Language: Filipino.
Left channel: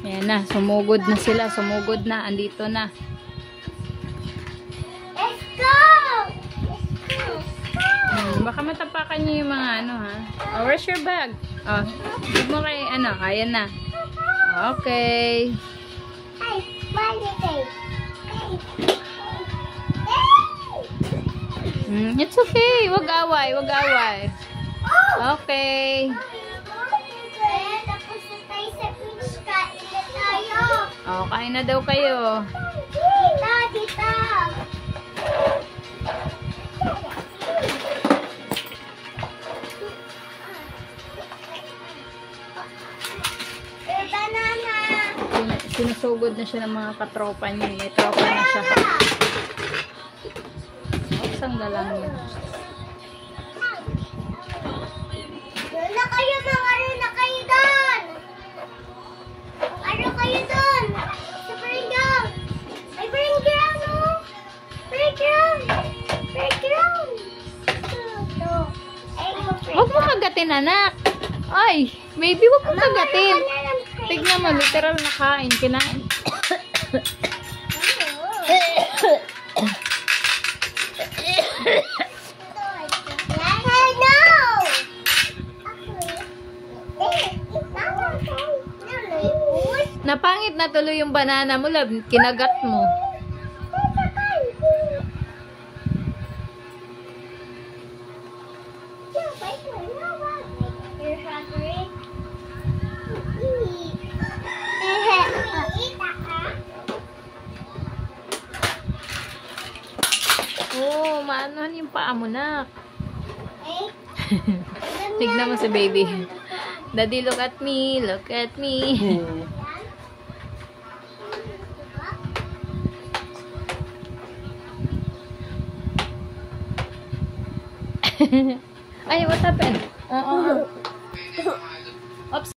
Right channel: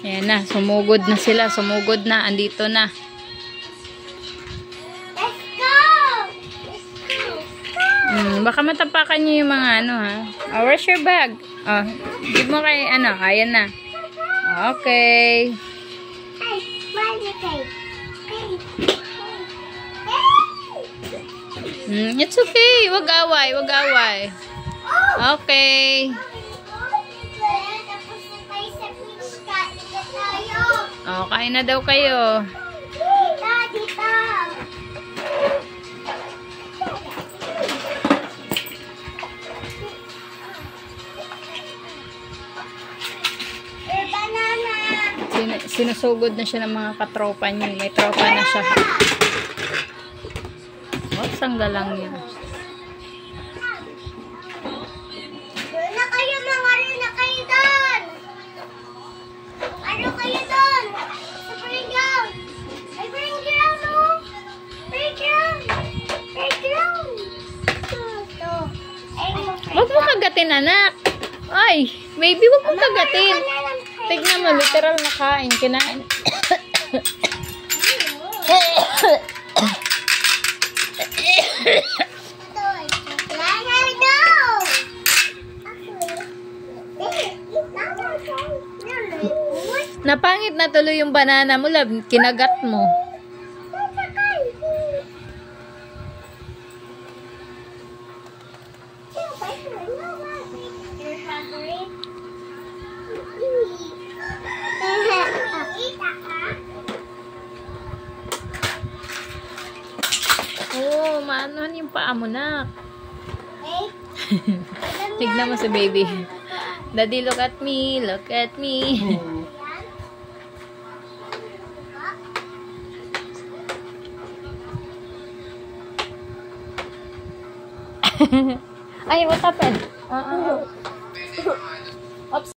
Ayan na, sumugod na sila. Sumugod na, andito na. Let's go! Baka matapakan niyo yung mga ano ha. Oh, where's your bag? Oh, give mo kay ano. Ayan na. Okay. Ay, balik kayo. It's okay. Wag away. Wag away. Okay. Tapos na tayo sa beach. Kain na tayo. Oh, kain na daw kayo. Dito, dito. Banana. Sinusugod na siya ng mga katropa niya. May tropa na siya. Oh, sanggalang yun. Doon na kayo, mga ano na kayo doon. Ano kayo doon? Sa playground. Ay, playground, oh. Playground. Playground. Ito. Ay, Huwag mo kagatin, anak. Ay, baby, huwag mo kagatin. Tignan mo, literal na kain. Kinain. Napangit na tuloy yung banana mo, love. Kinagat mo. Oh, maanohan yung paa mo, nak. Tignan mo si baby. Daddy, look at me. Look at me. Ay, what happened? Oops.